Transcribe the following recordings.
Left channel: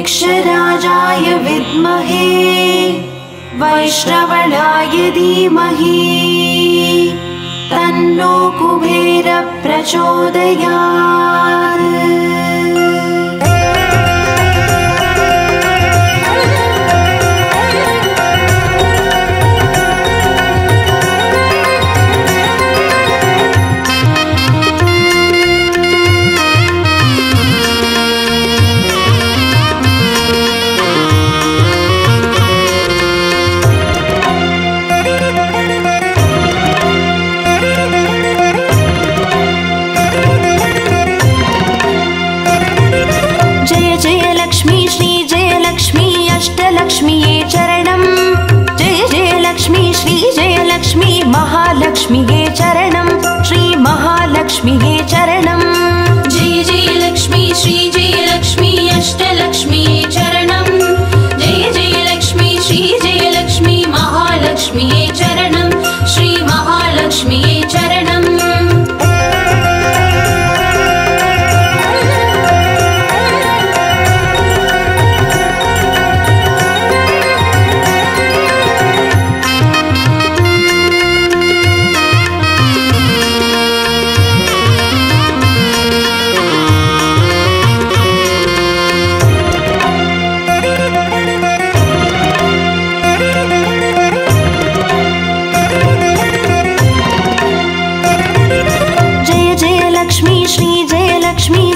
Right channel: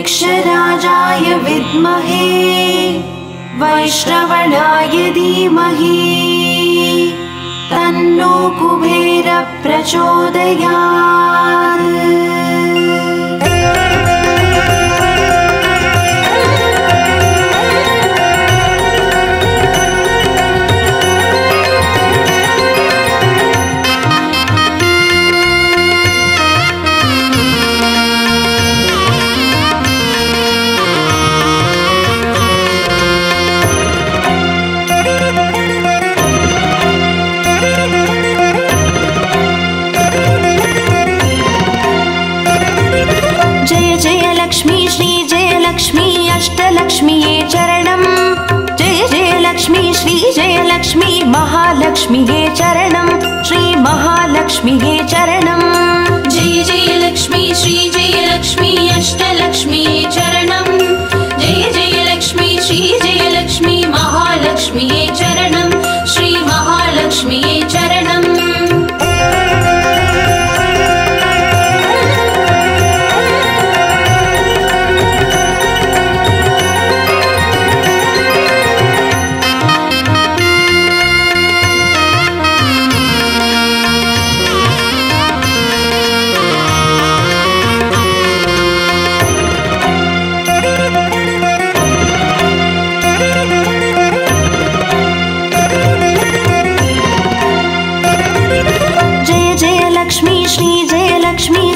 वृक्षराजाय विद्महे वैश्रवणाय धीमहि तन्नो कुबेर प्रचोदयात्। अष्टलक्ष्मीये चरणं जय जय लक्ष्मी श्री जय लक्ष्मी महालक्ष्मीये चरणं श्री महालक्ष्मीये चरणं जय जय लक्ष्मी श्री जय लक्ष्मी अष्टलक्ष्मीये चरणं जय जय लक्ष्मी श्री जय लक्ष्मी महालक्ष्मीये चरणं श्री महालक्ष्मीये चरणं।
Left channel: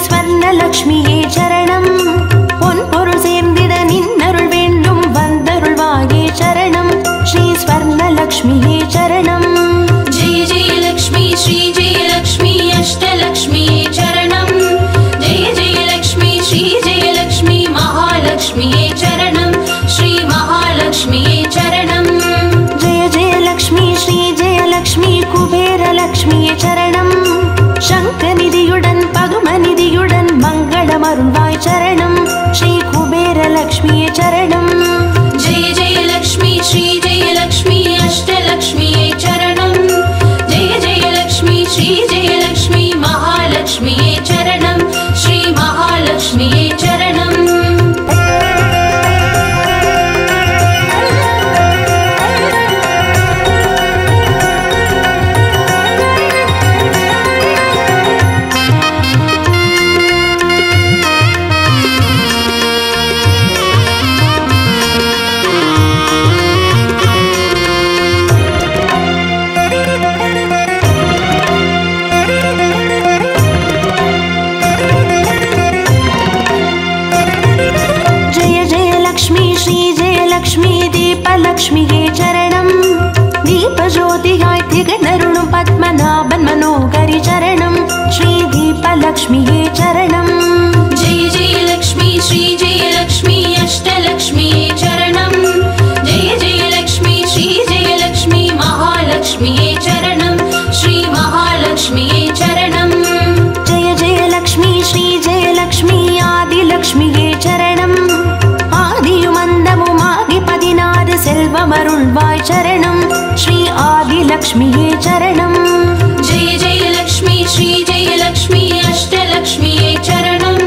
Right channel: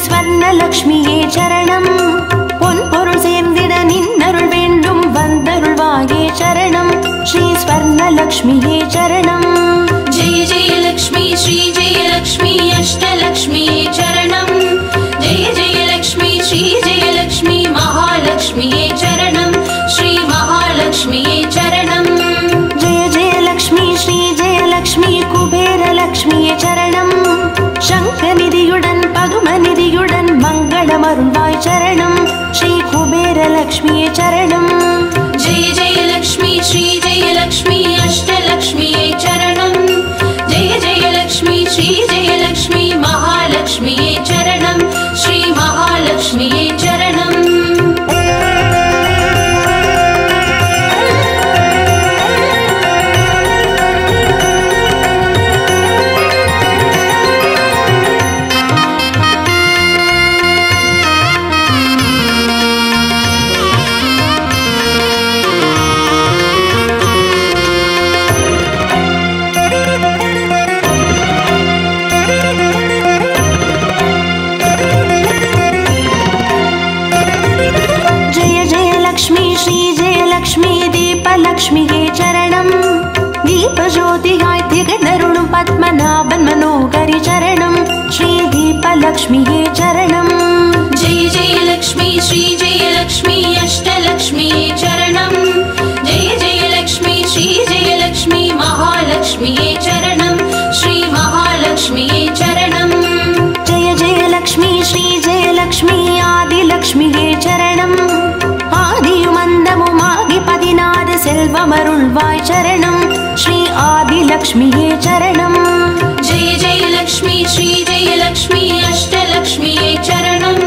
ஸ்வர்ணலக்ஷ்மியே சரணம் பொன்பொருள் சேர்ந்திட நின்னருள் வேண்டும் வந்தருள்வாயே சரணம் ஸ்ரீ ஸ்வர்ணலக்ஷ்மியே சரணம் ஜெய ஜெய லக்ஷ்மி ஸ்ரீ ஜெய லக்ஷ்மி அஷ்டலக்ஷ்மியே சரணம் ஜெய ஜெய லக்ஷ்மி ஸ்ரீ ஜெய லக்ஷ்மி மகாலக்ஷ்மியே சரணம் ஸ்ரீ மகாலக்ஷ்மியே சரணம் ஜெய ஜெய லக்ஷ்மி ஸ்ரீ ஜெய லக்ஷ்மி குபேர லக்ஷ்மியே சரணம் शङ्खनिधियुडन् पदुमनिधियुडन् मङ्गलमरुळ्वाय चरणं श्री कुबेरलक्ष्मीये चरणं जय जय लक्ष्मी श्री जय लक्ष्मी अष्टलक्ष्मीये चरणं जय जय लक्ष्मी श्री जय लक्ष्मी महालक्ष्मीये चरणं श्री महालक्ष्मीये चरणं। लक्ष्मीये चरणं दीपज्योतिगाय तिगणरुणं पद्मनाभन् मनोहरि चरणं श्री दीपलक्ष्मीये चरणं जय जय लक्ष्मी श्री जय लक्ष्मी अष्टलक्ष्मीये चरणं जय जय लक्ष्मी श्री जय लक्ष्मी महालक्ष्मीये चरणं श्री महालक्ष्मीये चरणं जय जय लक्ष्मी श्री जय लक्ष्मी आदिलक्ष्मीये चरणं आदियुमन्दमुमागि पदिनाद सेल्वमरुळ्वाय चरणं श्री आदिलक्ष्मीये चरणं जय जय लक्ष्मी श्री जय लक्ष्मी अष्टलक्ष्मीये चरणं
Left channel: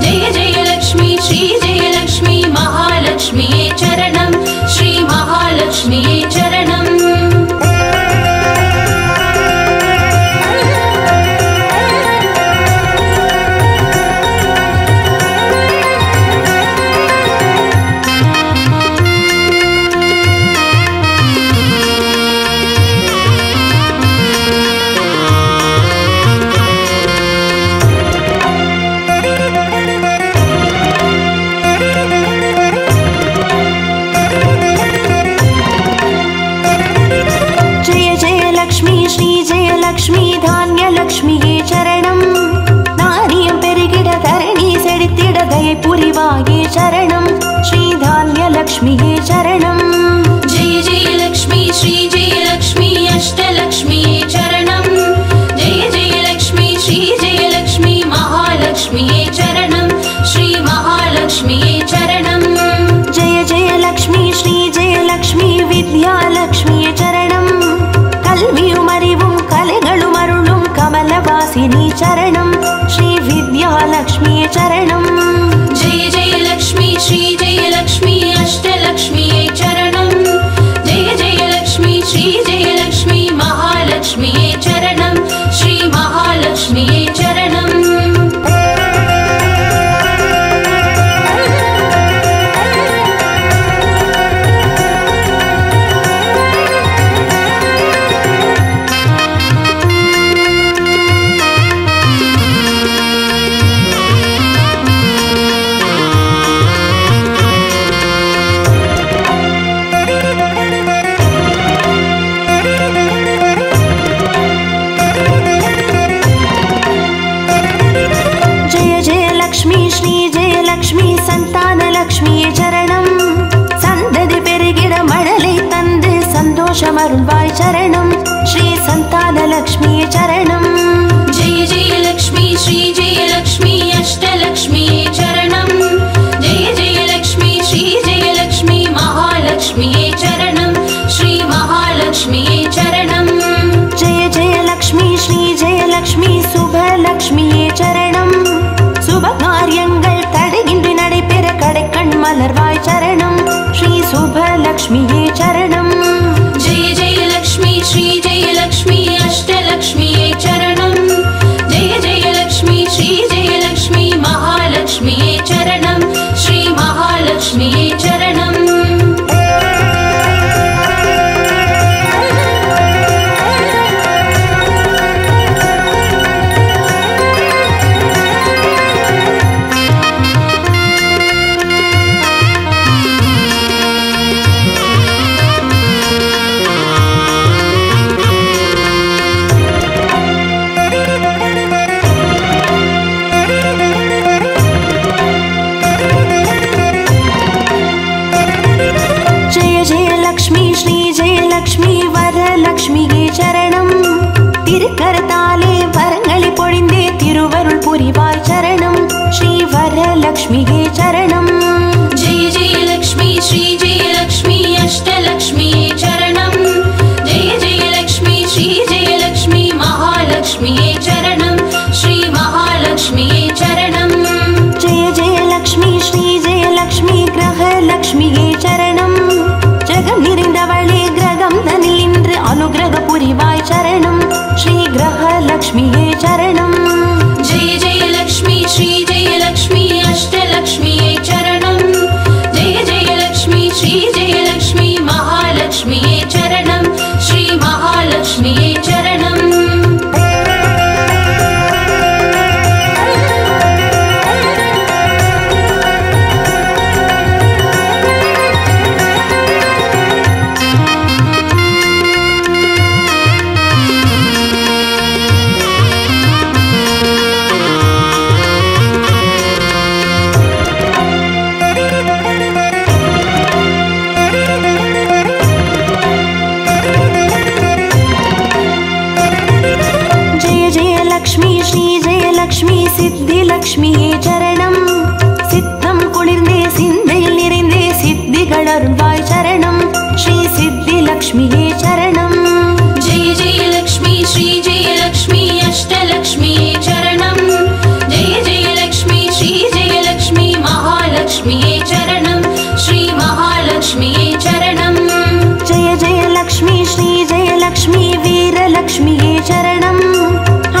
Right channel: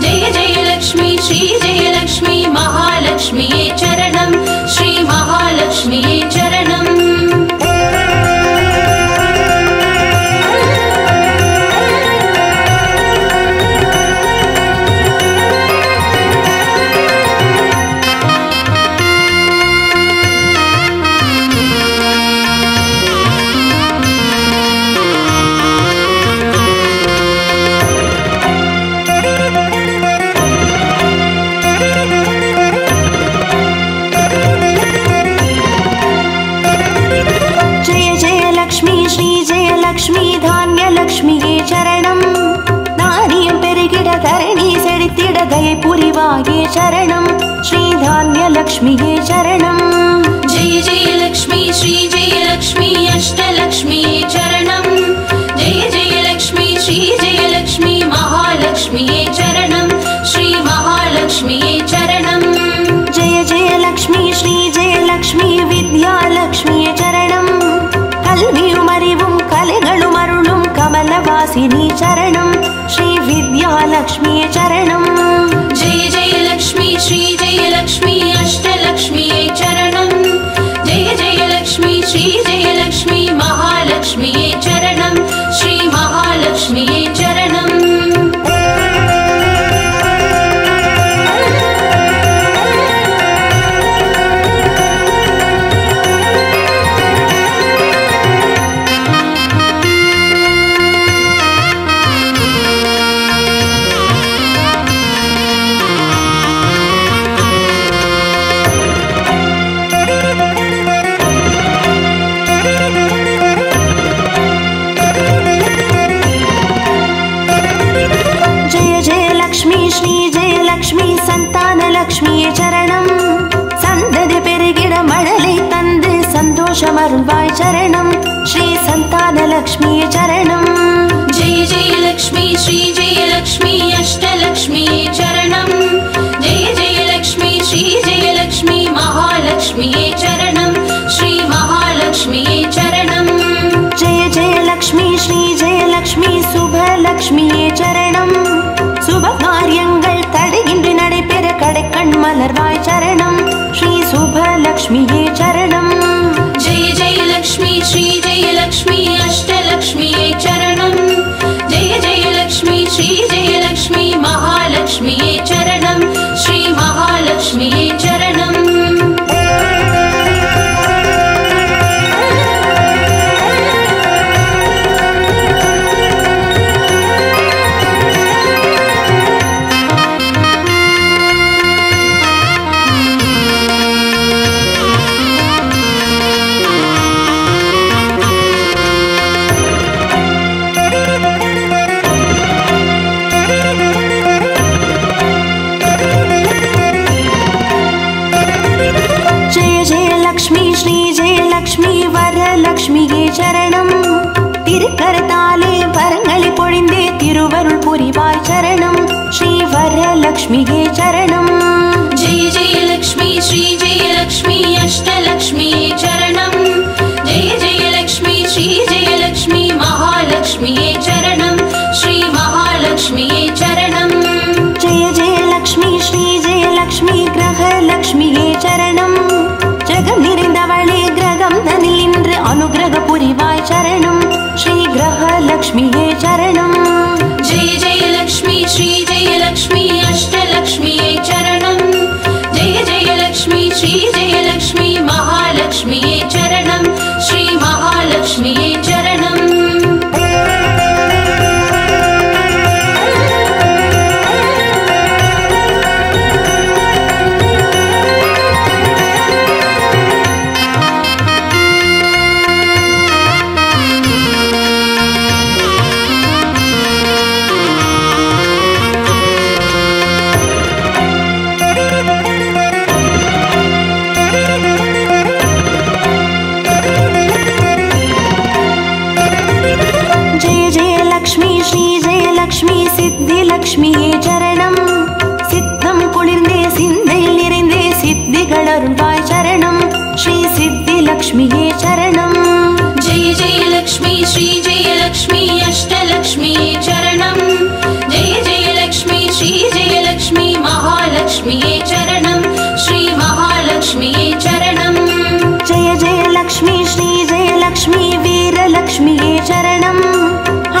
जय जय लक्ष्मी श्री जय लक्ष्मी महालक्ष्मीये चरणं श्री महालक्ष्मीये चरणं। लक्ष्मी धान्यलक्ष्मीये चरणं नारियं पेरिगिड धरणी सेडित्तिड दये पुरिवाये चरणं श्री धान्यलक्ष्मीये चरणं जय जय लक्ष्मी श्री जय लक्ष्मी अष्टलक्ष्मीये चरणं जय जय लक्ष्मी श्री जय लक्ष्मी महालक्ष्मीये चरणं श्री महालक्ष्मीये चरणं जय जय लक्ष्मी श्री जय लक्ष्मी विद्यालक्ष्मीये चरणं कल्वियुमरिवुं कलेगळुमरुळुं कमलवास विद्यावासिनी चरणं श्री विद्यालक्ष्मी चरणं जय जय लक्ष्मी श्री जय लक्ष्मी अष्टलक्ष्मी चरणं जय जय लक्ष्मी श्री जय लक्ष्मी महालक्ष्मी चरणं श्री महालक्ष्मी चरणं லக்ஷ்மி சந்தான லக்ஷ்மியே சரணம் சந்ததி பெருகிட மழலை தந்து சந்தோஷம் அருள்வாய் சரணம் ஸ்ரீ சந்தான லக்ஷ்மியே சரணம் जय जय लक्ष्मी श्री जय लक्ष्मी अष्टलक्ष्मी चरणं जय जय लक्ष्मी श्री जय लक्ष्मी महालक्ष्मी चरणं श्री महालक्ष्मी चरणं जय जय लक्ष्मी श्री जय लक्ष्मी शुभ लक्ष्मिये चरणं शुभ காரியங்கள் தடையின்றி நடைபெற கடைக்கண் மலர்வாய் சரணம் ஸ்ரீ சுப லக்ஷ்மியே சரணம் जय जय लक्ष्मी श्री जय लक्ष्मी अष्टलक्ष्मी चरणं जय जय लक्ष्मी श्री जय लक्ष्मी महालक्ष्मी चरणं श्री महालक्ष्मी चरणं श्री जय लक्ष्मी वरलक्ष्मिये चरणं திருக்கரத்தாலே வரங்களை பொழிந்தே திருவருள் புரிவாய் சரணம் ஸ்ரீ வரலக்ஷ்மியே சரணம் जय जय लक्ष्मी श्री जय लक्ष्मी अष्टलक्ष्मी चरणं जय जय लक्ष्मी श्री जय लक्ष्मी महालक्ष्मी चरणं श्री महालक्ष्मी चरणं जय जय लक्ष्मी श्री जय लक्ष्मी ग्रहलक्ष्मिये चरणं ஜகம் நிறைந்தவளே கிரகம் தனில் இன்று அனுகிரக புரிவாய் சரணம் ஸ்ரீ கிரகலக்ஷ்மியே சரணம் जय जय लक्ष्मी श्री जय लक्ष्मी अष्टलक्ष्मी चरणं जय जय लक्ष्मी श्री जय लक्ष्मी महालक्ष्मी चरणं श्री महालक्ष्मी चरणं லக்ஷ்மி ஸ்ரீ ஜெய லக்ஷ்மி சித்தி லக்ஷ்மியே சரணம் சித்தம் குளிர்ந்தே சிந்தையில் நிறைந்தே சித்திகள் அருள்வாய் சரணம் ஸ்ரீ சித்தி லக்ஷ்மியே சரணம் जय जय लक्ष्मी श्री जय लक्ष्मी अष्टलक्ष्मी चरणं जय जय लक्ष्मी श्री जय लक्ष्मी महालक्ष्मी चरणं श्री महालक्ष्मी चरणं जय जय लक्ष्मी श्री जय लक्ष्मी வீரலக்ஷ்மியே சரணம்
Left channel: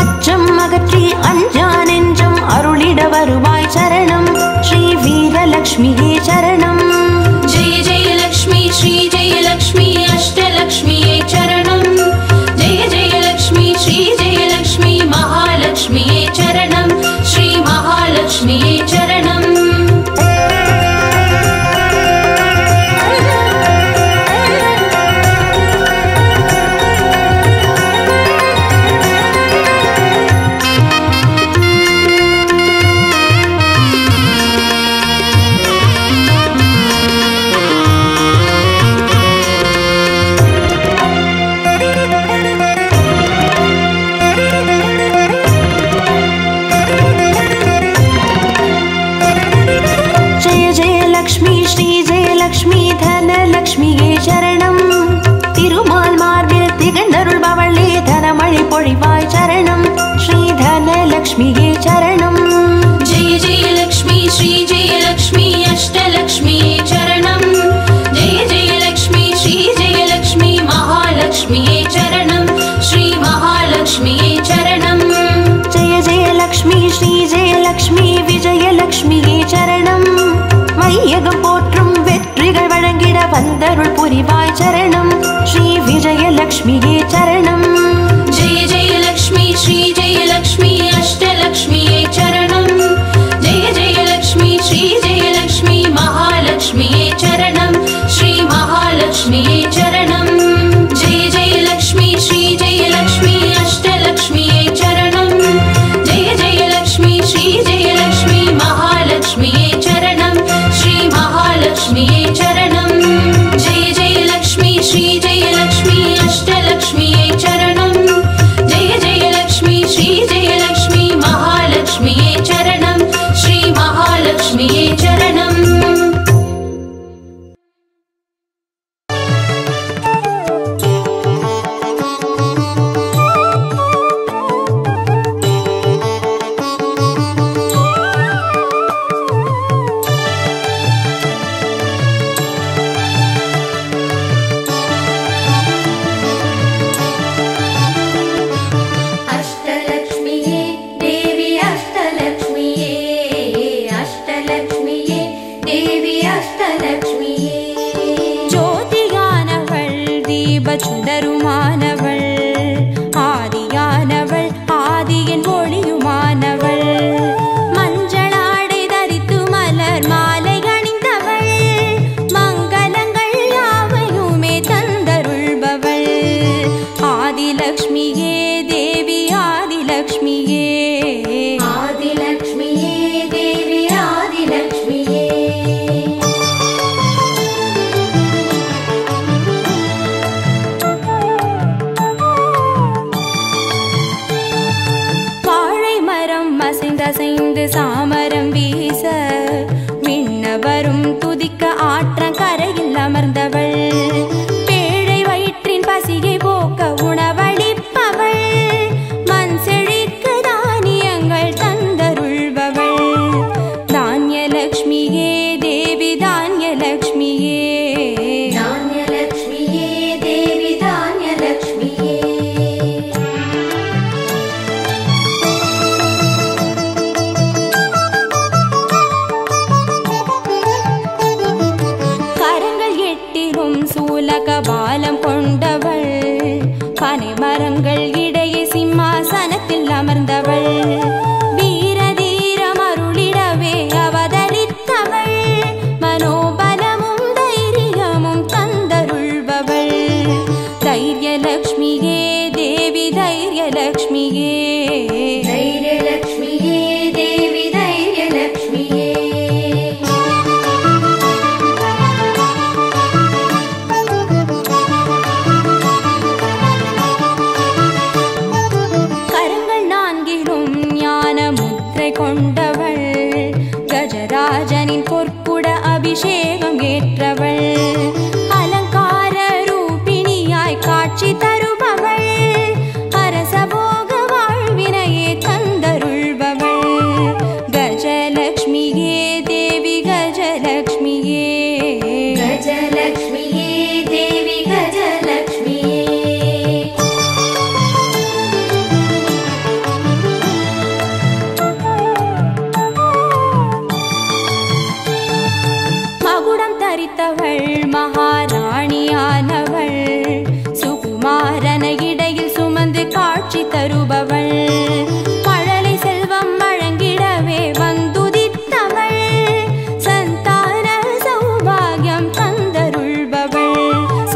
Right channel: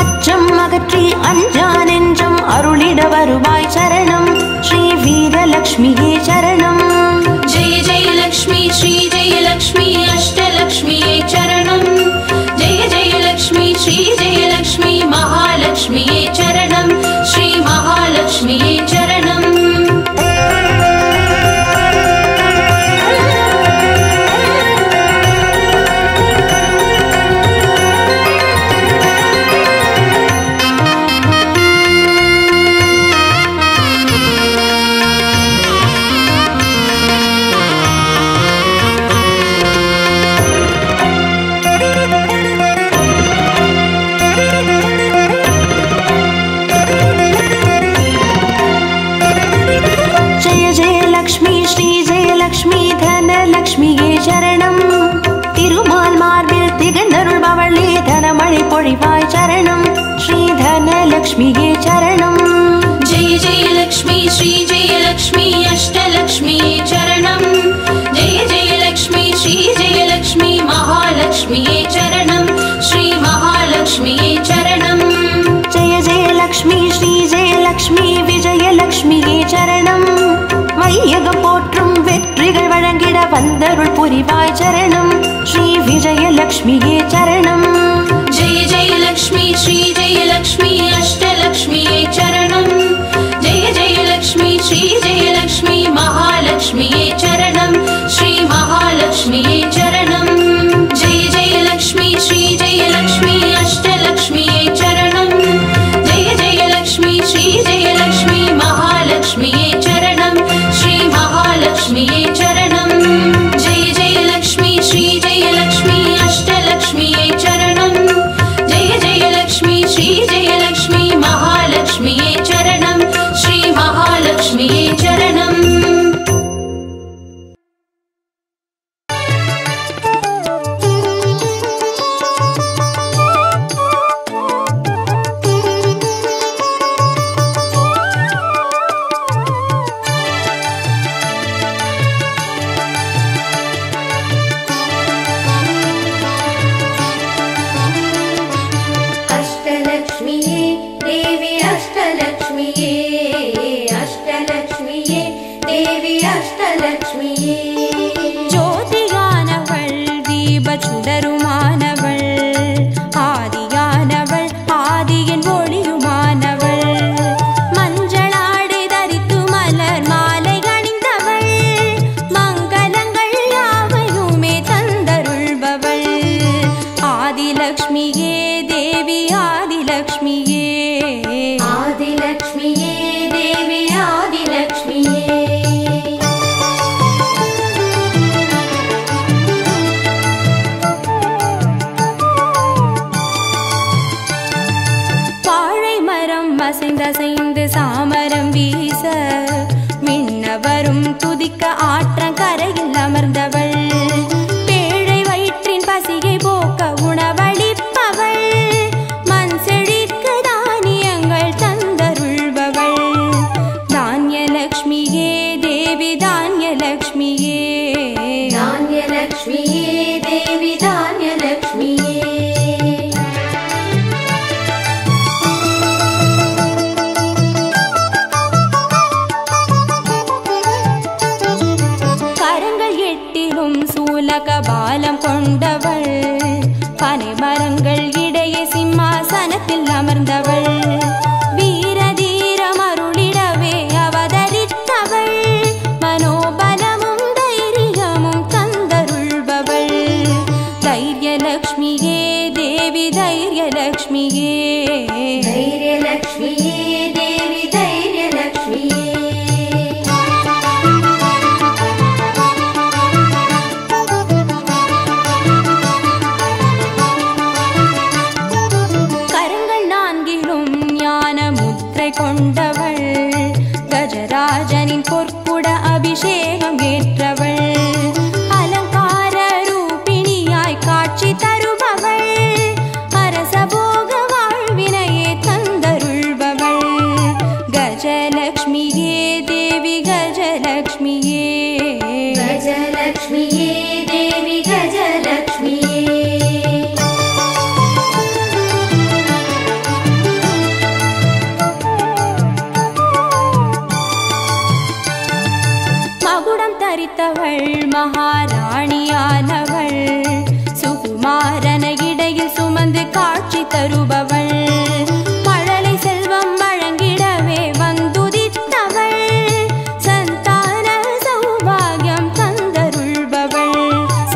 அச்சம் அகற்றி அஞ்சா நெஞ்சம் அருளிட வருவாய் சரணம் ஸ்ரீ வீரலக்ஷ்மியே சரணம் जय जय लक्ष्मी श्री जय लक्ष्मी अष्टलक्ष्मी चरणं जय जय लक्ष्मी श्री जय लक्ष्मी महालक्ष्मी चरणं श्री महालक्ष्मी चरणं லக்ஷ்மி ஸ்ரீ ஜெய லக்ஷ்மி தனலக்ஷ்மியே சரணம் திருமால் மார்பில் திகழ்ந்தருள்பவளே தனமழை பொழிவாய் சரணம் श्रीधनलक्ष्म्यै चरणम्। जय जय लक्ष्मी श्री जय लक्ष्मी अष्टलक्ष्म्यै चरणम्। जय जय लक्ष्मी श्री जय लक्ष्मी महालक्ष्म्यै चरणम्। श्री महालक्ष्म्यै चरणम्। जय जय लक्ष्मी श्री जय लक्ष्मी विजयलक्ष्म्यै चरणम्। வையகம் போற்றும் வெற்றிகள் வழங்கிட வந்தருள் புரிவாய் சரணம். ஸ்ரீ விஜயலக்ஷ்மியே சரணம். जय जय लक्ष्मी श्री जय लक्ष्मी अष्टलक्ष्म्यै चरणम्। जय जय लक्ष्मी श्री जय लक्ष्मी महालक्ष्म्यै चरणम्। श्री महालक्ष्म्यै चरणम्। जय जय लक्ष्मी श्री जय लक्ष्मी अष्टलक्ष्म्यै चरणम्। जय जय लक्ष्मी श्री जय लक्ष्मी महालक्ष्म्यै चरणम्। श्री महालक्ष्म्यै चरणम्। जय जय लक्ष्मी श्री जय लक्ष्मी अष्टलक्ष्म्यै चरणम्। जय जय लक्ष्मी श्री जय लक्ष्मी महालक्ष्म्यै चरणम्। श्री महालक्ष्म्यै चरणम्। சுடருமானவள் ஆதியானவள் ஆதியின் ஒளியுமானவள் மஞ்சளாடை தரித்து மலர் மாலை அணிந்தவள் மங்களங்கள் யாவையுமே தந்தருள்பவள் ஆதிலக்ஷ்மியே தேவி ஆதிலக்ஷ்மியே ஆதிலக்ஷ்மியே தேவி ஆதிலக்ஷ்மியே அசைந்து சாமரம் வீச மின்னவரும் துதிக்க ஆற்றங்கரையில் அமர்ந்தவள் பேழை வயிற்றின் பசியை போக்க உணவளிப்பவள் மண் செழிக்க தானியங்கள் தந்தருள்பவள் தானியலக்ஷ்மியே தேவி தானியலக்ஷ்மியே தானியலக்ஷ்மியே தேவி தானியலக்ஷ்மியே சூலகபாலம் கொண்டவள் பனை மரங்கள் இடையே சிம்மாசனத்தில் அமர்ந்தவள் வீரதீரம் அருளிடவே அவதரித்தவள் மனோபலமும் தைரியமும் தந்தருள்பவள் தைரியலக்ஷ்மியே தேவி தைரியலக்ஷ்மியே தைரியலக்ஷ்மியே தேவி தைரியலக்ஷ்மியே கொண்டவள் கஜராஜனின் பொற்குட அபிஷேகம் ஏற்றவள் அலங்கார ரூபிணியாய் காட்சி தருபவள் அரசபோக வாழ்வினையே தந்தருள்பவள் கஜலக்ஷ்மியே தேவி கஜலக்ஷ்மியே கஜலக்ஷ்மியே தேவி கஜலக்ஷ்மியே மகுடம் தரித்தவள் மகாராணியானவள் சுகுமாரன இடையில் சுமந்து காட்சி தருபவள் மழலை செல்வம் வழங்கிடவே வந்துதித்தவள் சந்தான சௌபாகியம் தந்தருள்பவள்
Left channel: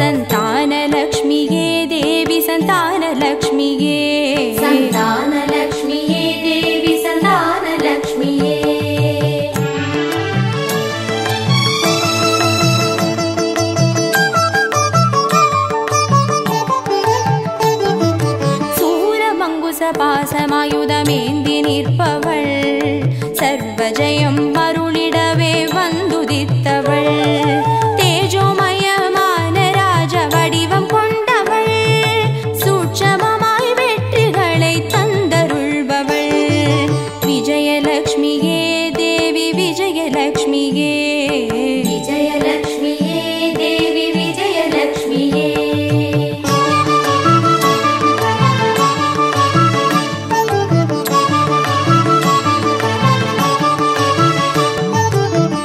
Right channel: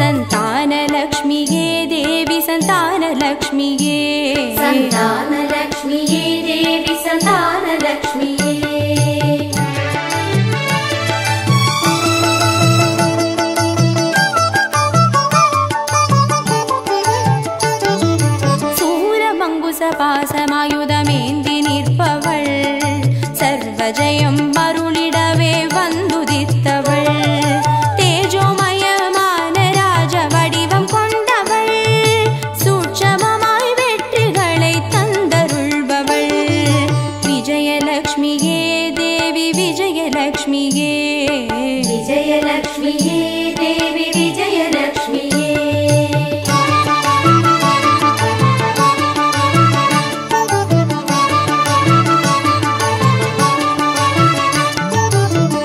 சந்தானலக்ஷ்மியே தேவி சந்தானலக்ஷ்மியே சந்தானலக்ஷ்மியே தேவி சந்தானலக்ஷ்மியே பாசமாயுதமேந்தி நிற்பவள் சர்வஜயம் அருளிடவே வந்துதித்தவள் தேஜோமயமான ராஜ வடிவம் கொண்டவள் சூட்சமமாய் வெற்றிகளை தந்தருள் ವಿಜಯಲಕ್ಷ್ಮಿಯೇ ವಿಜಯಲಕ್ಷ್ಮಿಯೇ ದೇವಿ ವಿಜಯಲಕ್ಷ್ಮಿಯೇ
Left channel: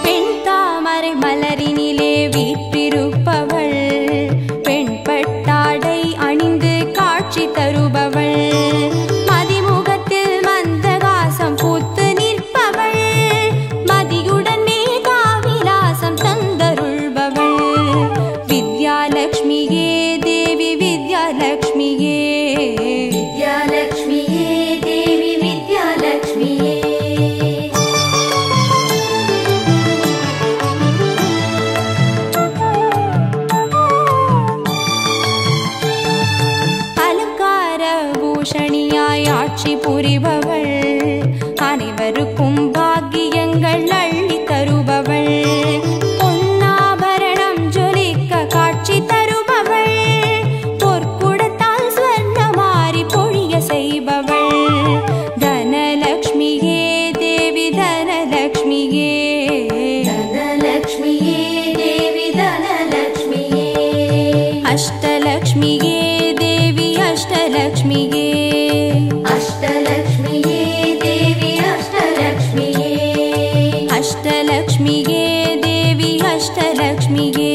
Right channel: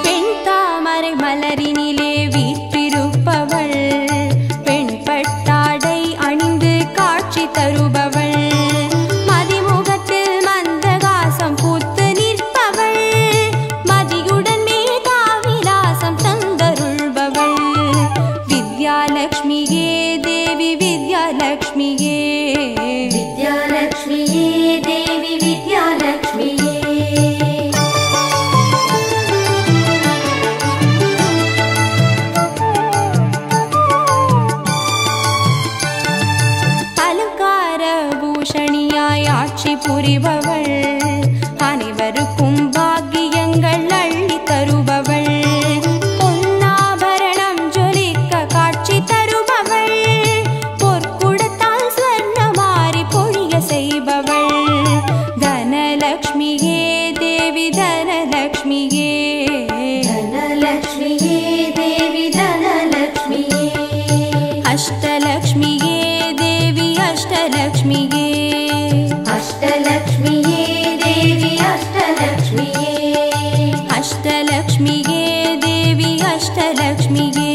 பெண் தாமரை மலரினிலே வீற்றிருப்பவள் பெண் பட்டாடை அணிந்து காட்சி தருபவள் மதிமுகத்தில் மந்தகாசம் பூத்து நிற்பவள் மதியுடன் மேதாவிலாசம் தந்தருள்பவள் வித்யாலக்ஷ்மியே தேவி வித்யாலக்ஷ்மியே வித்யாலக்ஷ்மியே தேவி வித்யாலக்ஷ்மியே அலங்கார பூஷணியாய் ஆட்சி புரிபவள் அனைவருக்கும் பாக்கியங்கள் அள்ளி தருபவள் பொன்னாபரணம் ஜொலிக்க காட்சி தருபவள் பொற்குடத்தால் ஸ்வர்ணமாரி பொழிய செய்பவள் தனலக்ஷ்மியே தேவி தனலக்ஷ்மியே தனலக்ஷ்மியே தேவி தனலக்ஷ்மியே அஷ்டலக்ஷ்மியே தேவி அஷ்டலக்ஷ்மியே அஷ்டலக்ஷ்மியே தேவி அஷ்டலக்ஷ்மியே அஷ்டலக்ஷ்மியே தேவி அஷ்டலக்ஷ்மியே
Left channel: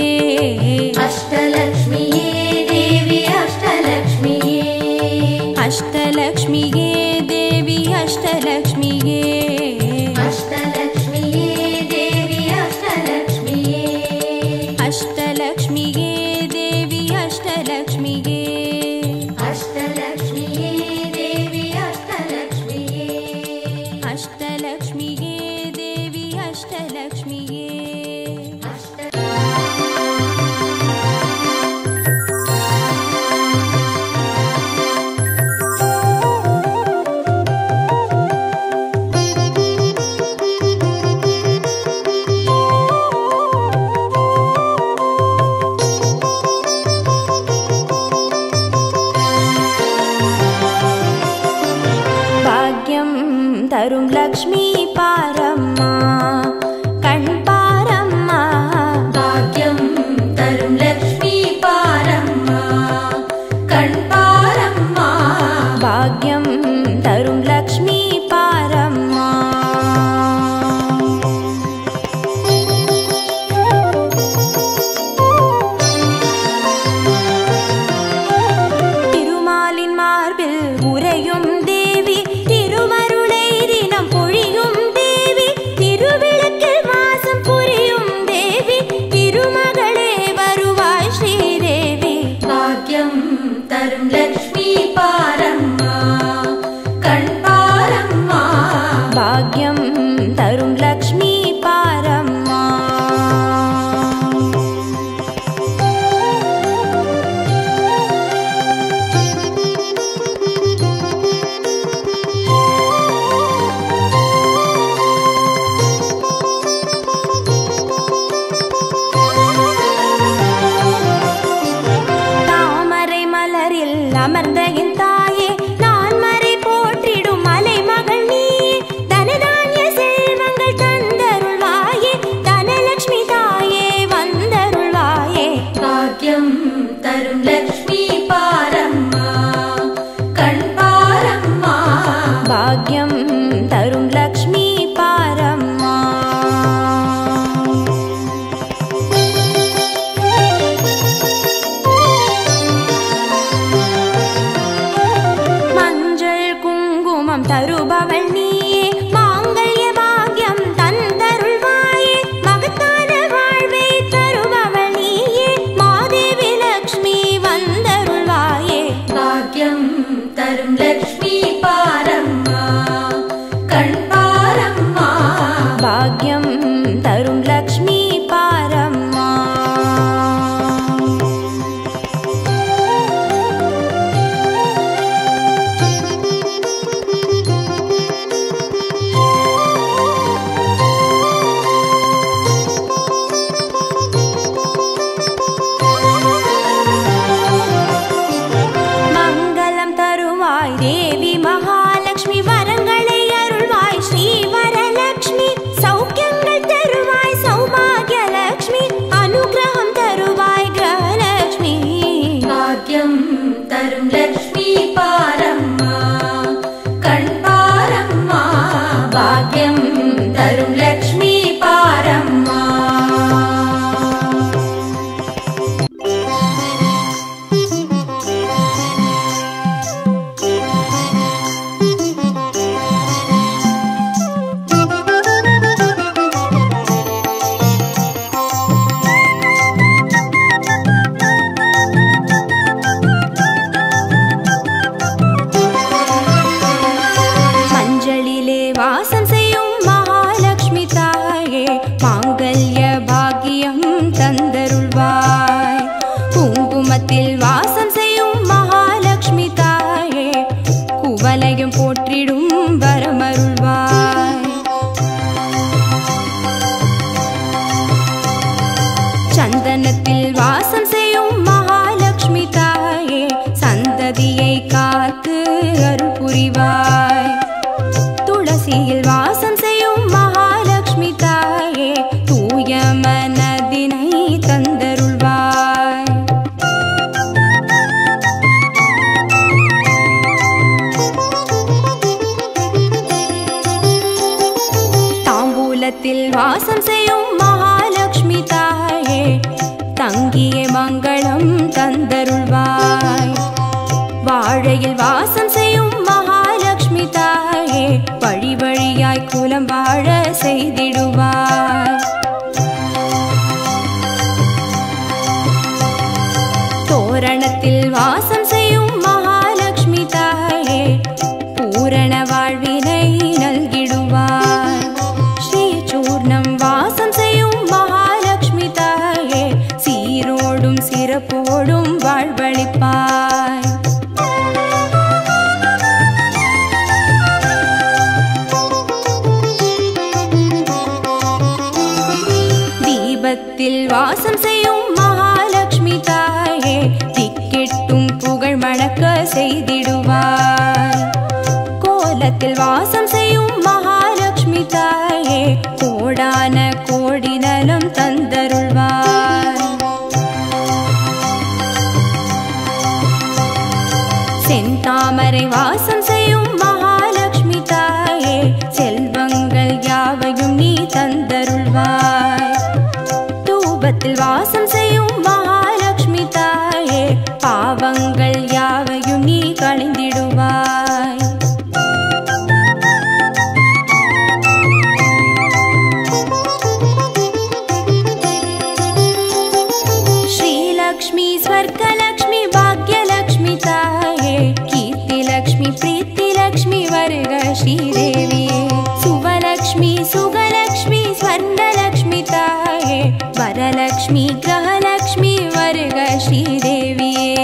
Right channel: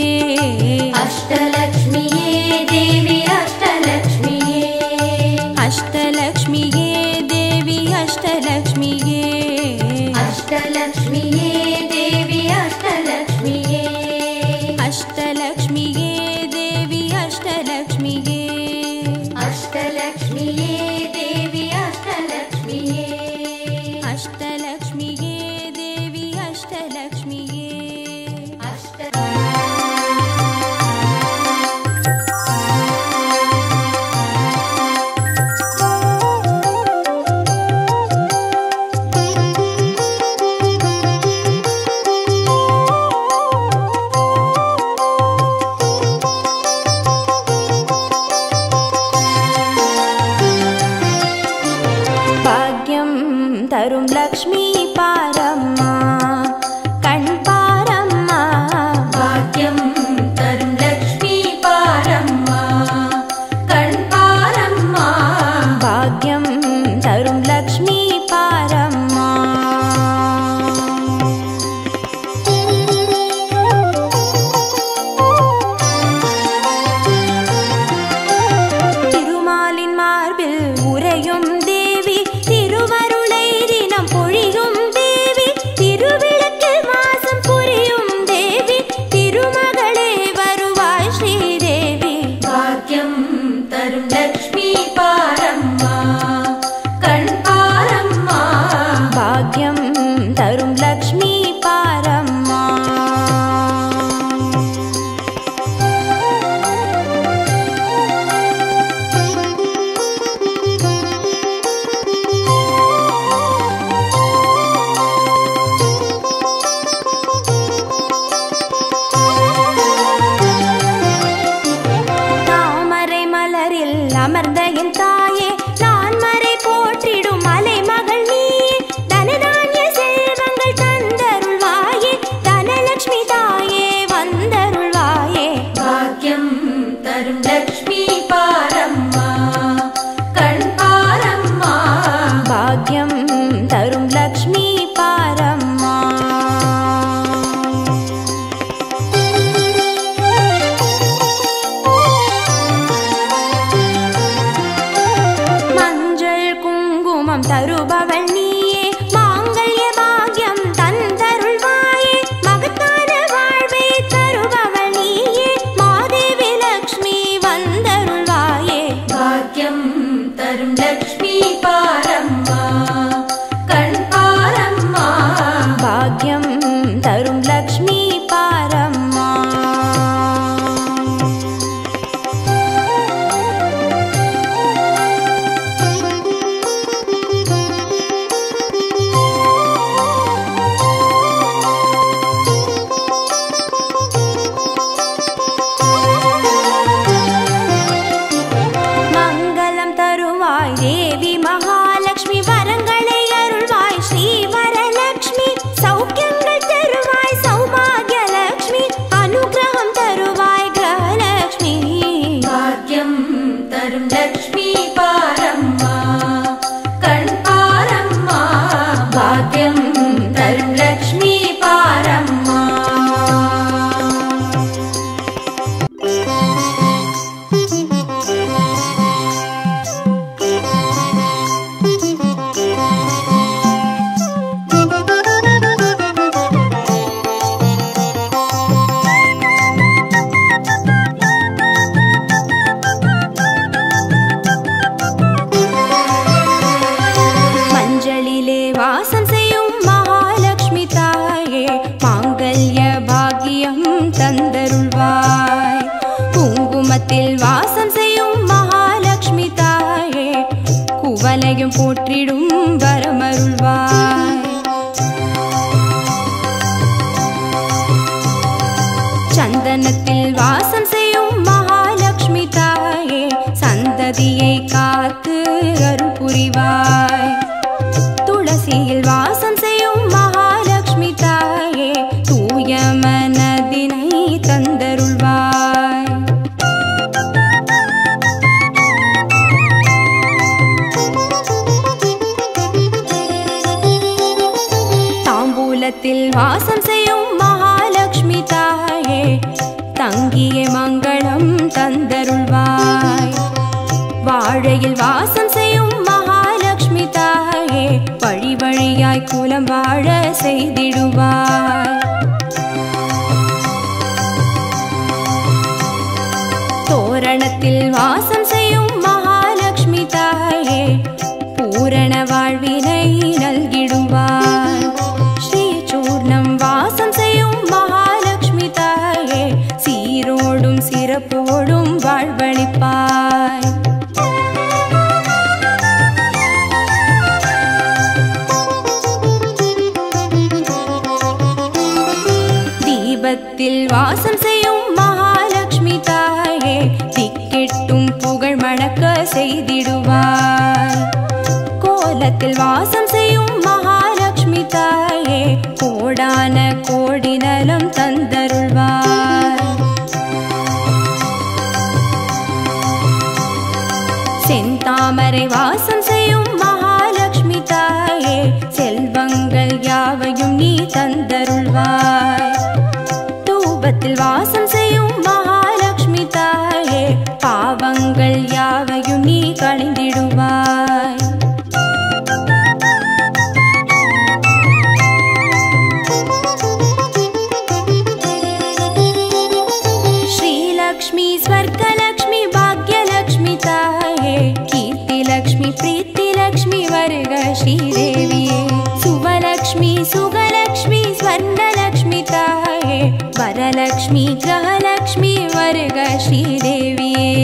அஷ்டலக்ஷ்மியே தேவி அஷ்டலக்ஷ்மியே அஷ்டலக்ஷ்மியே தேவி அஷ்டலக்ஷ்மியே அஷ்டலக்ஷ்மியே தேவி அஷ்டலக்ஷ்மியே அஷ்டலக்ஷ்மியே தேவி அஷ்டலக்ஷ்மியே அஷ்டலக்ஷ்மியே தேவி அஷ்டலக்ஷ்மியே அஷ்டலக்ஷ்மியே தேவி அஷ்டலக்ஷ்மியே பாக்யம் தரும் லக்ஷ்மி பாரம்மா கண் பாரம்மா பாக்யம் தரும் லக்ஷ்மி பாரம்மா கண் பாரம்மா பாக்யம் தரும் லக்ஷ்மி பாரம்மா திருமாலின் மார்பில் உறையும் தேவி திருவருளை தினம் பொழியும் தேவி திருவிளக்கில் வாசம் புரியும் தேவி திருமகளே வருவாய் ஸ்ரீதேவி பாக்யம் தரும் லக்ஷ்மி பாரம்மா கண் பாரம்மா பாக்யம் தரும் லக்ஷ்மி பாரம்மா தாமரை மலரில் அமர்ந்த என் தாயே நான் மறை போற்றிடும் மலை மகள் நீயே தனதானிய செல்வங்கள் தந்தருள்வாயே தனலக்ஷ்மி தாயே வந்தருள்வாயே பாக்யம் தரும் லக்ஷ்மி பாரம்மா கண் பாரம்மா பாக்யம் தரும் லக்ஷ்மி பாரம்மா மஞ்சள் குங்குமம் தருபவள் நீயே மாங்கல்ய பாக்யம் தந்தருள்வாயே மகத்தான வாழ்வை தருபவள் நீயே மாதேவி லக்ஷ்மி வந்தருள்வாயே பாக்யம் தரும் லக்ஷ்மி பாரம்மா கண் பாரம்மா பாக்யம் தரும் லக்ஷ்மி பாரம்மா தேவி மகாலட்சுமி வரங்களை அருள்வாய் ஸ்ரீ வரலட்சுமி சௌக்கியங்கள் தருவாய் भाग्यं तरुं लक्ष्मी पारम्मा வாசம் செய்யும் மகாலட்சுமி தாயே மாங்கல்ய பாக்கியம் தந்தருள்வாய். குங்குமத்தில் வாசம் செய்யும் மகாலட்சுமி தாயே குவலையும் போற்றிடும் வரமருள்வாய். சந்தனத்தில் வாசம் செய்யும் மகாலட்சுமி தாயே சந்ததியை காத்து அருள் புரிவாய். துளசியில் வாசம் செய்யும் மகாலட்சுமி தாயே தூய மனதினை தந்தருள்வாய். தாம்பூலத்தில் வாசம் செய்யும் மகாலட்சுமி தாயே தங்கிய மங்களம் தந்தருள்வாய். வாழையில் வாசம் செய்யும் மகாலட்சுமி தாயே வழி வழியாய் குலம் வாழ செய்திடுவாய். தோரணத்தில் வாசம் செய்யும் மகாலட்சுமி தாயே பூரண வாழ்வினை நல்கிடுவாய். ஸ்ரீசூர்ணம் வாசம் செய்யும் மகாலட்சுமி தாயே சீரோடும் சிறப்போடும் வாழ்வளிப்பாய். தீபத்தில் வாசம் செய்யும் மகாலட்சுமி தாயே திக்கெட்டும் புகழ் மணக்க செய்திடுவாய். கோலத்தில் வாசம் செய்யும் மகாலட்சுமி தாயே கோடான கோடி நலம் தந்தருள்வாய். செந்தாமரை வாசம் செய்யும் மகாலட்சுமி தாயே செல்வங்கள் யாவையும் நீ தந்தருள்வாய். தூபத்தில் வாசம் செய்யும் மகாலட்சுமி தாயே பாவங்கள் யாவையும் நீ களைந்திடுவாய். श्रीलक्ष्मी स्वर्गलक्ष्मी भाग्यलक्ष्मी ताये कीर्तिलक्ष्मी प्रीतिलक्ष्मी वर्ग श्रीदेविये सुवलक्ष्मी सुगलक्ष्मी स्वर्णलक्ष्मी ताये वरलक्ष्मी ग्रहलक्ष्मी वर्ग श्रीदेविये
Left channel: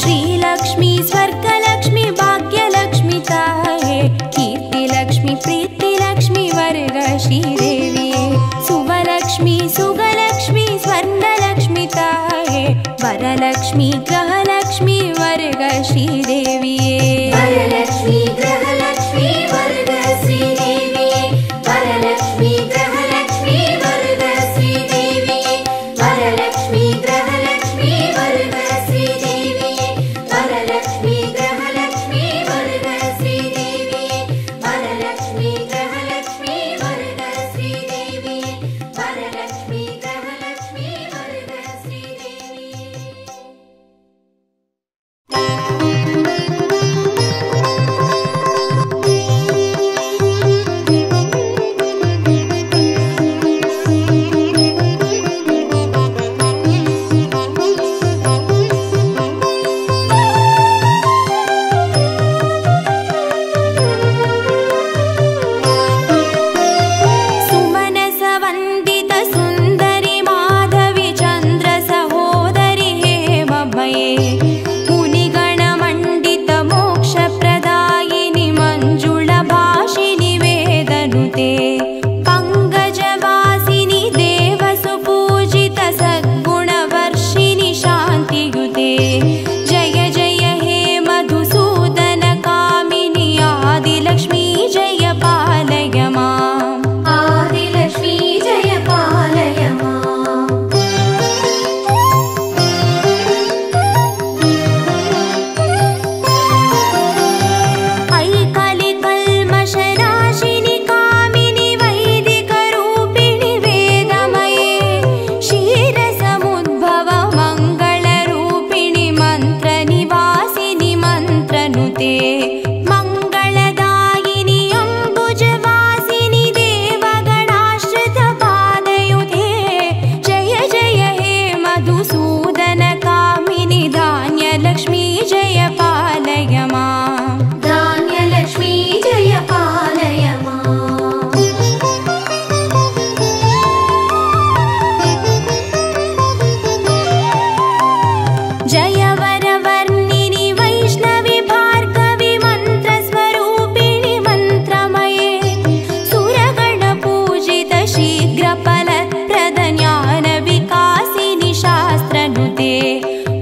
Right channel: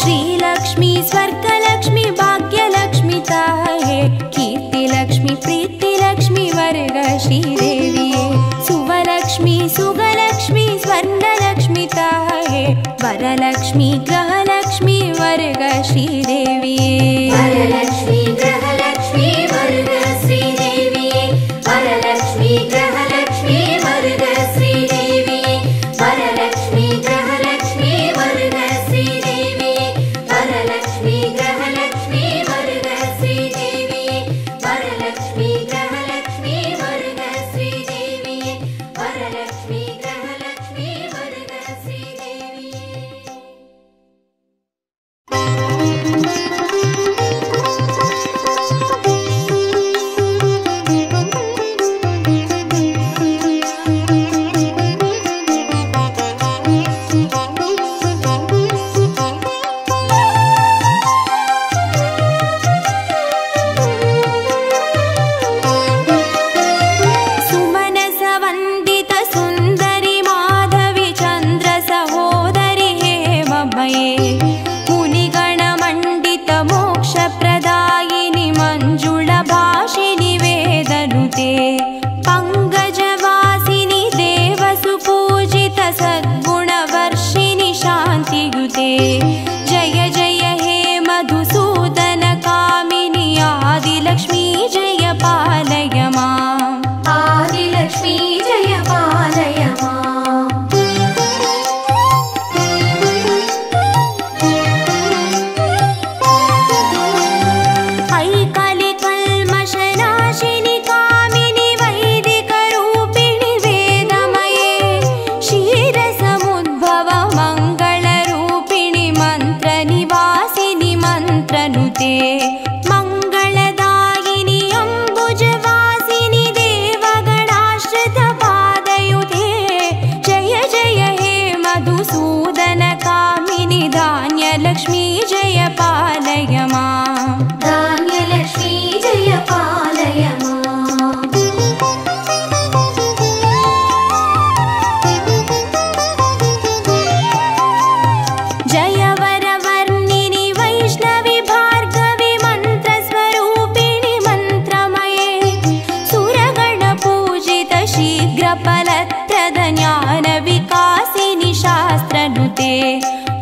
श्रीलक्ष्मी स्वर्गलक्ष्मी भाग्यलक्ष्मी ताये कीर्तिलक्ष्मी प्रीतिलक्ष्मी वर्ग श्रीदेविये सुवलक्ष्मी सुगलक्ष्मी स्वर्णलक्ष्मी ताये वरलक्ष्मी ग्रहलक्ष्मी वर्ग श्रीदेविये वरलक्ष्मी ग्रहलक्ष्मी वर्ग श्रीदेविये वरलक्ष्मी ग्रहलक्ष्मी वर्ग श्रीदेविये वरलक्ष्मी ग्रहलक्ष्मी वर्ग श्रीदेविये वरलक्ष्मी ग्रहलक्ष्मी वर्ग श्रीदेविये वरलक्ष्मी ग्रहलक्ष्मी वर्ग श्रीदेविये वरलक्ष्मी ग्रहलक्ष्मी वर्ग श्रीदेविये सुमनसवन्दित सुन्दरि माधवी चन्द्र सहोदरि हेममये मुनिगणमण्डित मोक्षप्रदायिनि मञ्जुळभाषिनि वेदनुते पङ्कजवासिनि देवसुपूजित सद्गुणवर्षिणि शान्तियुते जय जय हे मधुसूदन कामिनि आदिलक्ष्मी जय पालय माम् आदिलक्ष्मी जय पालय माम् मन्त्रनुते मङ्गलदायिनि अम्बुजवासिनि देवगणाश्रितपादयुते जय जय हे मधुसूदन कामिनि धान्यलक्ष्मी जय पालय माम् धान्यलक्ष्मी जय पालय जय वरवर्णिनि वैष्णवि भार्गवि मन्त्रस्वरूपिणि मन्त्रमये सुरगणपूजित शीघ्रफलप्रद ज्ञानविकासिनि शास्त्रनुते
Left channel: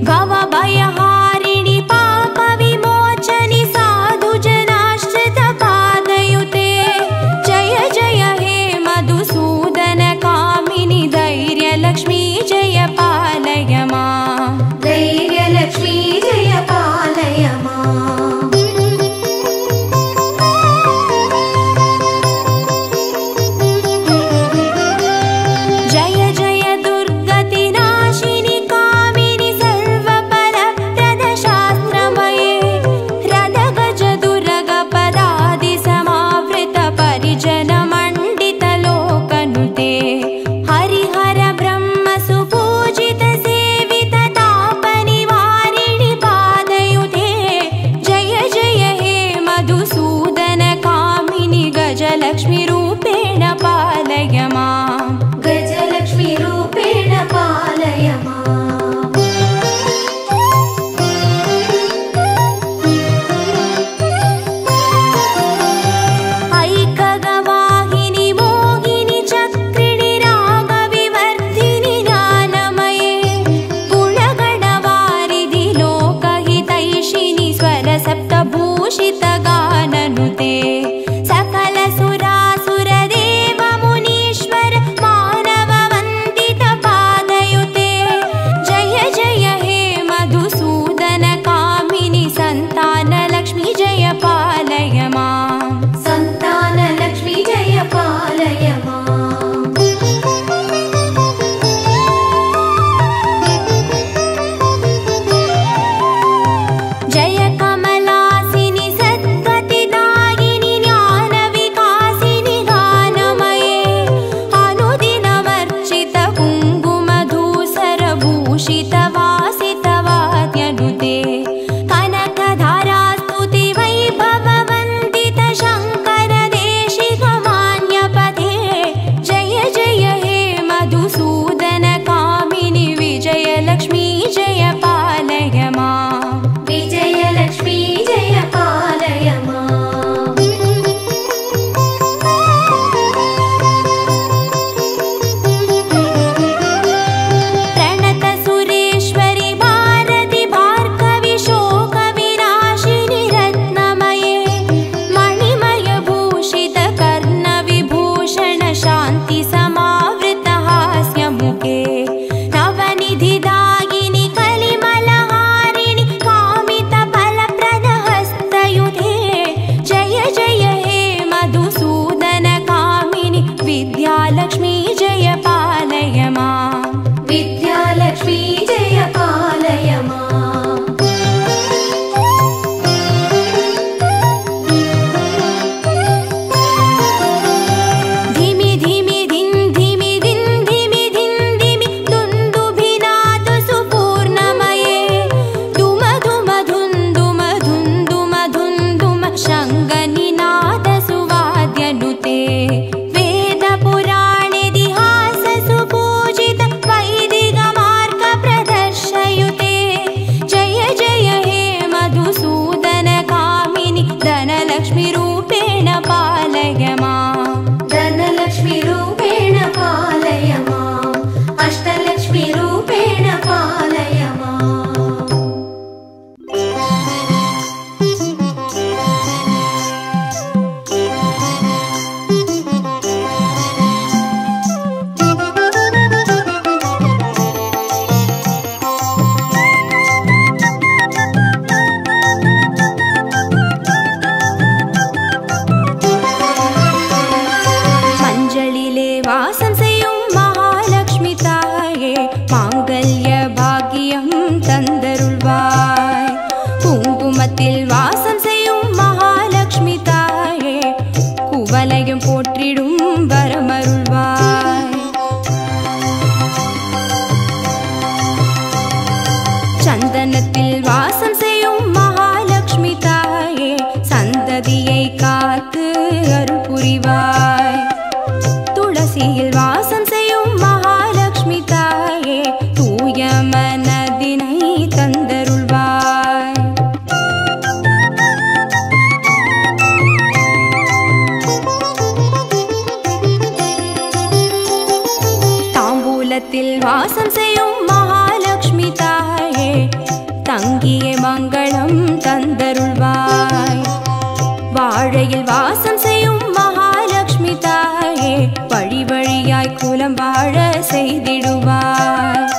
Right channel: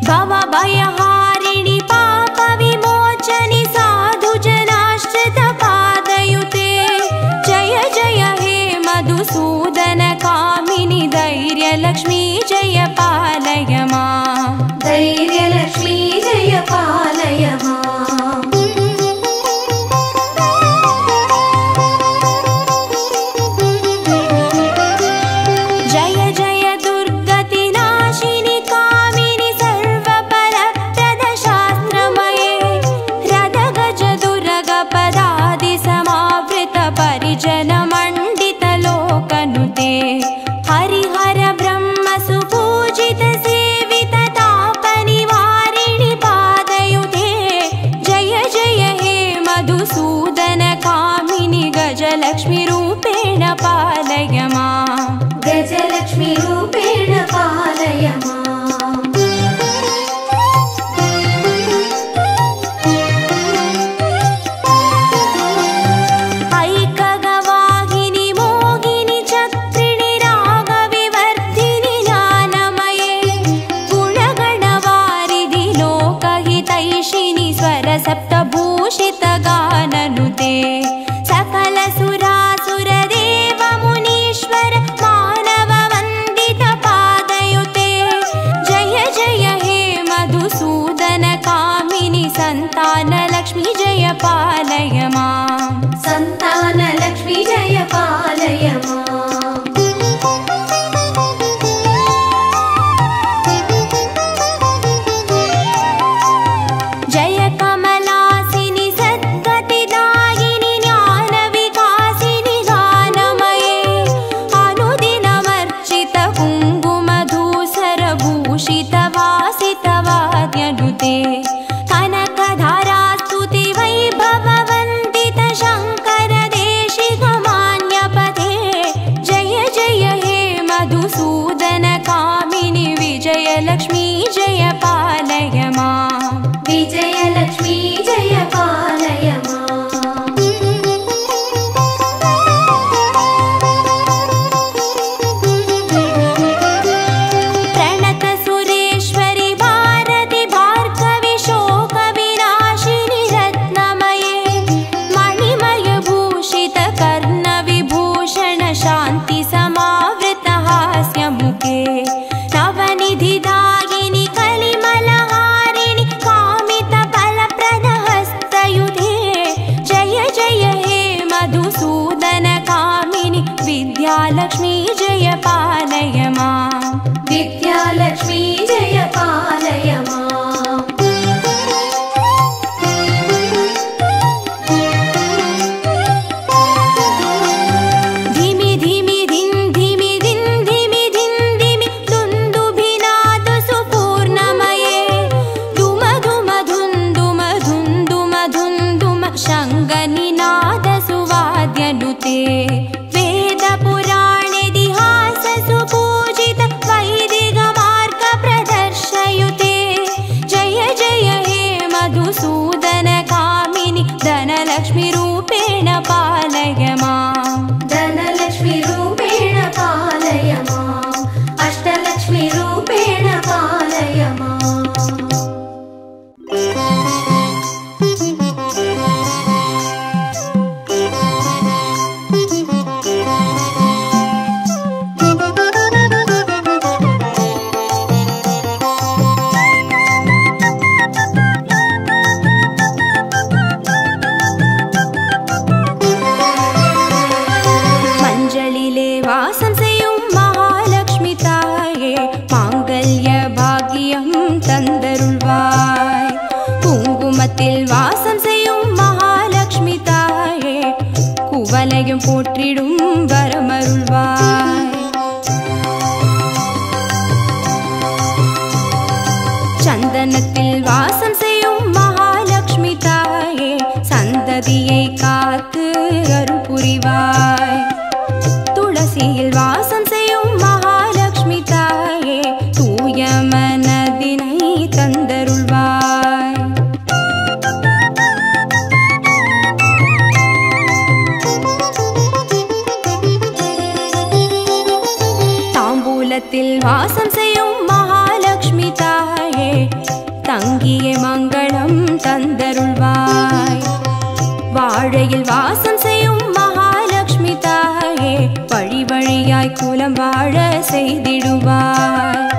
भवभयहारिणि पापविमोचनि साधुजनाश्रितपादयुते जय जय हे मधुसूदन कामिनि धैर्यलक्ष्मी जय पालय माम् धैर्यलक्ष्मी जय पालय जय जय दुर्गतिनाशिनि कामिनि सर्वफलप्रद शास्त्रमये रदगज दुर्गपदादि समावृत परिजन मण्डित लोकनुते हरिहर ब्रह्म सुपूजित सेवित तापनिवारिणि पादयुते जय जय हे मधुसूदन कामिनि गजलक्ष्मी रूपेण पालय माम् गजलक्ष्मी रूपेण पालय ऐकगवाहिनि मोहिनि चक्रिणि रागविवर्धिनि ज्ञानमये गुणगणवारिधि लोकहितैषिणि स्वरसप्तभूषित गाननुते सकल सुरासुर देव मुनीश्वर मानव वन्दित पादयुते जय जय हे मधुसूदन कामिनि सन्तानलक्ष्मी जय पालय माम् सन्तानलक्ष्मी जय पालय जय कमलासिनि सद्गतिदायिनि ज्ञानविकासिनि गानमये अनुदिनमर्चित कुङ्कुमधूसरभूषित वासितवाद्यनुते कनकधारास्तुति वैभववन्दित शङ्कर देशिकमान्यपथे जय जय हे मधुसूदन कामिनि विजयलक्ष्मी जय पालय माम् विजयलक्ष्मी जय पालय प्रणत सुरेश्वरि भारति भार्गवि शोकविनाशिनि रत्नमये मणिमय भूषित कर्णविभूषण शान्ति समावृत हास्यमुखे नवनिधिदायिनि कलिमलहारिणि कामित फलप्रद हस्तयुते जय जय हे मधुसूदन कामिनि विद्यालक्ष्मी जय पालय माम् विद्यालक्ष्मी जय पालय धिमि धिमि धिन् धिमि धिन् धिमि धिन् धिमि दुन्दुभिनाद सुपूर्णमये धुम धुम धुन् धुम धुन् धुम धुन् धुम शङ्गनिनाद सुवाद्यनुते वेद पुराणेतिहास सुपूजित वैदिक मार्ग प्रदर्शयुते जय जय हे मधुसूदन कामिनि धनलक्ष्मी रूपेण पालय माम् धनलक्ष्मी रूपेण पालय अष्टलक्ष्मी रूपेण पालय வாசம் செய்யும் மகாலட்சுமி தாயே மாங்கல்ய பாக்கியம் தந்தருள்வாய் குங்குமத்தில் வாசம் செய்யும் மகாலட்சுமி தாயே குவலையும் போற்றிடும் வரமருள்வாய். சந்தனத்தில் வாசம் செய்யும் மகாலட்சுமி தாயே சந்ததியை காத்து அருள் புரிவாய். துளசியில் வாசம் செய்யும் மகாலட்சுமி தாயே தூய மனதினை தந்தருள்வாய். தாம்பூலத்தில் வாசம் செய்யும் மகாலட்சுமி தாயே தங்கிய மங்களம் தந்தருள்வாய். வாழையில் வாசம் செய்யும் மகாலட்சுமி தாயே வழி வழியாய் குலம் வாழ செய்திடுவாய்.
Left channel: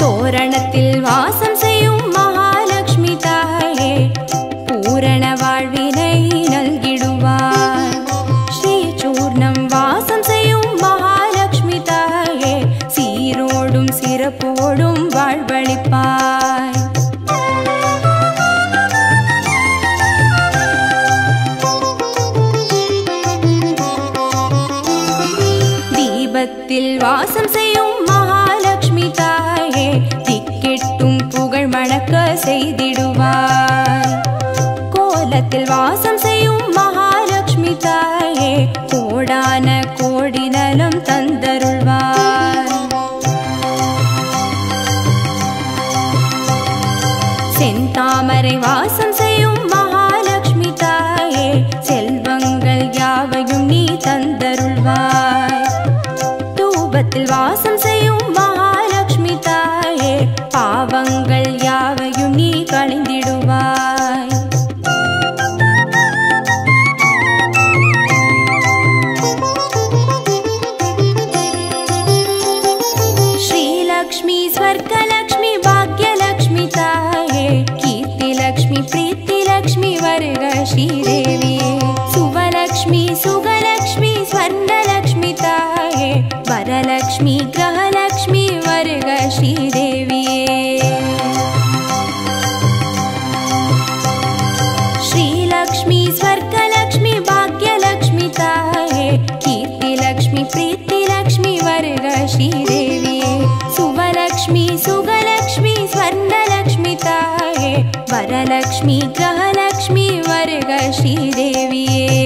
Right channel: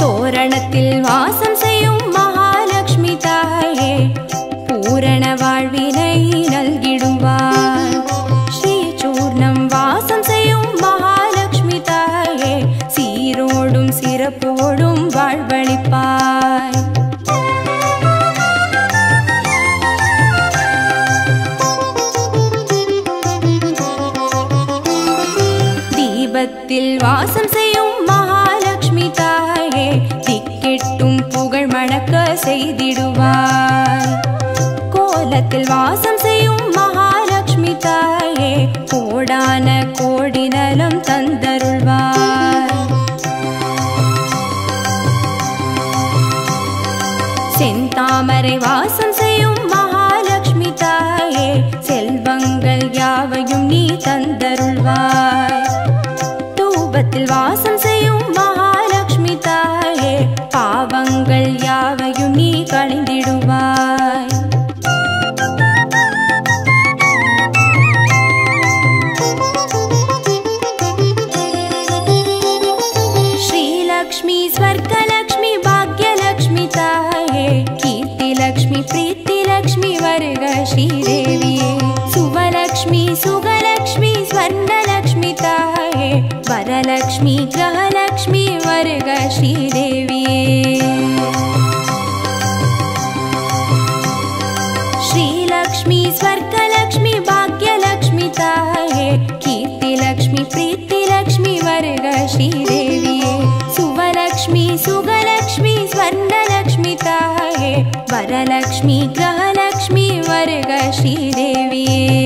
தோரணத்தில் வாசம் செய்யும் மகாலட்சுமி தாயே பூரண வாழ்வினை நல்கிடுவாய். ஸ்ரீ சூர்ணம் வாசம் செய்யும் மகாலட்சுமி தாயே சீரோடும் சிறப்போடும் வாழ்வளிப்பாய். தீபத்தில் வாசம் செய்யும் மகாலட்சுமி தாயே திக்கெட்டும் புகழ் மணக்க செய்திடுவாய். கோலத்தில் வாசம் செய்யும் மகாலட்சுமி தாயே கோடான கோடி நலம் தந்தருள்வாய். செந்தாமரை வாசம் செய்யும் மகாலட்சுமி தாயே செல்வங்கள் யாவையும் நீ தந்தருள்வாய். தூபத்தில் வாசம் செய்யும் மகாலட்சுமி தாயே பாவங்கள் யாவையும் நீ களைந்திடுவாய். श्रीलक्ष्मी स्वर्गलक्ष्मी भाग्यलक्ष्मी ताये कीर्तिलक्ष्मी प्रीतिलक्ष्मी वर्ग श्रीदेविये सुवलक्ष्मी सुगलक्ष्मी स्वर्णलक्ष्मी ताये वरलक्ष्मी ग्रहलक्ष्मी वर्ग श्रीदेविये श्रीलक्ष्मी स्वर्गलक्ष्मी भाग्यलक्ष्मी ताये कीर्तिलक्ष्मी प्रीतिलक्ष्मी वर्ग श्रीदेविये सुवलक्ष्मी सुगलक्ष्मी स्वर्णलक्ष्मी ताये वरलक्ष्मी ग्रहलक्ष्मी वर्ग श्रीदेविये